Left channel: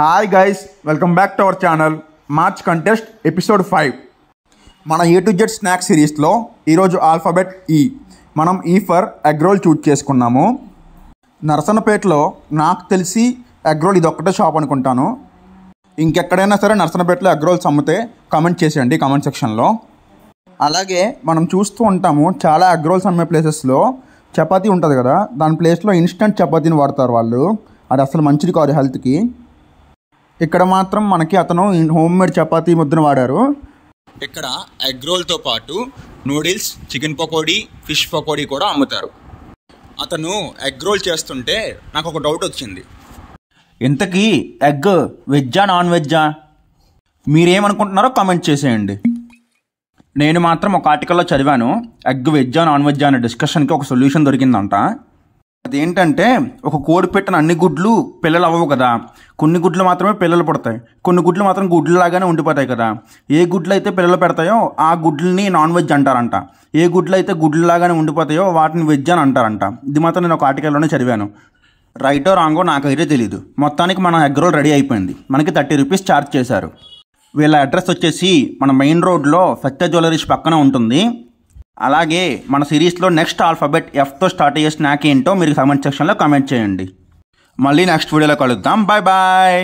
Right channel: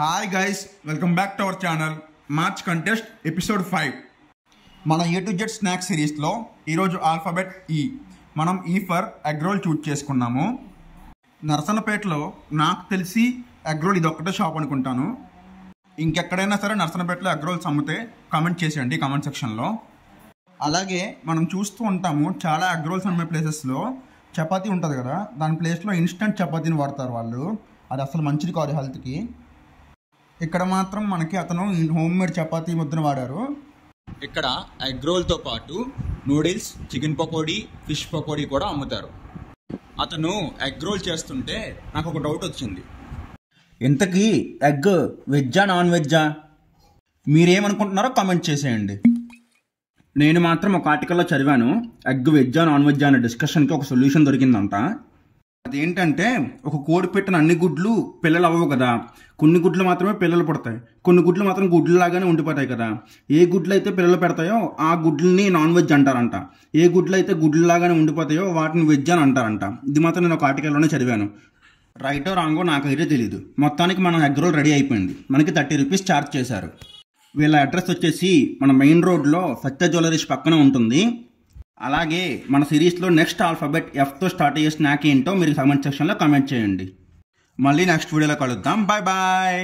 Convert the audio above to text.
Hi guys, welcome back to our channel. March contest episode 5. మన A to Z snack సిరీస్లో ఈరోజు alphabet ఈ. మనం ఈ ఫర్ ఎగ్ రోల్ చూజ్ చేసుకున్నాము. నరసనపేటలో నాకు తెలిసి ఎగ్ రోల్ ఇదొక్కటే షాప్ అనుకుంటాను. ఇంకెక్కడైనా సరే నరసనపేటలో ఎగ్ రోల్స్ అమ్మితే కామెంట్ చేసేయండి కామెంట్ సెక్షన్లో. అలాగే మనం చూస్తూ ఉంటాము చాలా ఎగ్ రోల్స్ అమ్మే ప్లేసెస్లో చపాతీ ఉంటుంది కదా, దాని ప్లేస్లో ఇన్స్టంట్ చపాతీని వాడతారు వాళ్ళు. అది అసలు మంచిది కాదు హెల్త్కి. ఇక్కడ మాత్రం మనకి అతను హోమ్ మేడ్ చపాతీ ముద్దను వాడారు. ఇక్కడ ఎగ్ రోల్తో పాటు noodles, chicken pakodi, fish pakodi కూడా అమ్ముతారు. అతను ఎగ్ రోల్ చేస్తుంటే నాకు ఒక డౌట్ వచ్చింది. ఇంతకీ ఎగ్ వెజ్జా నాన్ వెజ్జా? మీరేమనుకుంటున్నారో కామెంట్ చేసేయండి. నేను మాత్రం ఒక ఆర్టికల్లో చదివాను, ఎగ్ వెజ్జా నాన్ వెజ్జా అనే డిస్కషన్కి ఒక సొల్యూషన్ దొరికిందంట. అదేంటంటే, ఒక కోడి పెట్టిన అన్ని గుడ్లు పిల్లలు అవ్వవు కదా, కొన్ని గుడ్లు మాత్రమే పిల్లలు పుడతాయి, కొన్ని గుడ్లు మాత్రం గుడ్లలాగానే ఉండిపోతాయి కదా. ఏ గుడ్లు అయితే పిల్లలు పెడతాయో ఆ గుడ్లని నాన్ వెజ్ అంటారంట. ఏ గుడ్లు అయితే గుడ్లలాగానే ఉండిపోతాయో వాటిని వెజ్ అని అంటారంట. ఇది మాత్రం నేను ఒక ఆర్టికల్లోనే చదివాను. రైటో రాంగో నాకైతే తెలీదు. మొత్తానికి మన ఎగ్ రోల్ రెడీ అయిపోయింది. మనకి 30 రూపీస్ ఛార్జ్ చేశారు. వీళ్ళ అడ్రస్ వచ్చేసి మన మెయిన్ రోడ్లో సత్య జ్యువెలరీస్ పక్కన ఉంటుంది. అలాగే మన సిరీస్లో నెక్స్ట్ ఆల్ఫాబెట్ ఎఫ్తో స్టార్ట్ అయ్యే స్నాక్ ఏంటో మీరు కామెంట్ సెక్షన్లో కామెంట్ చేయండి. మళ్ళీ నెక్స్ట్ వీడియోలో కలుద్దాం. Bye bye.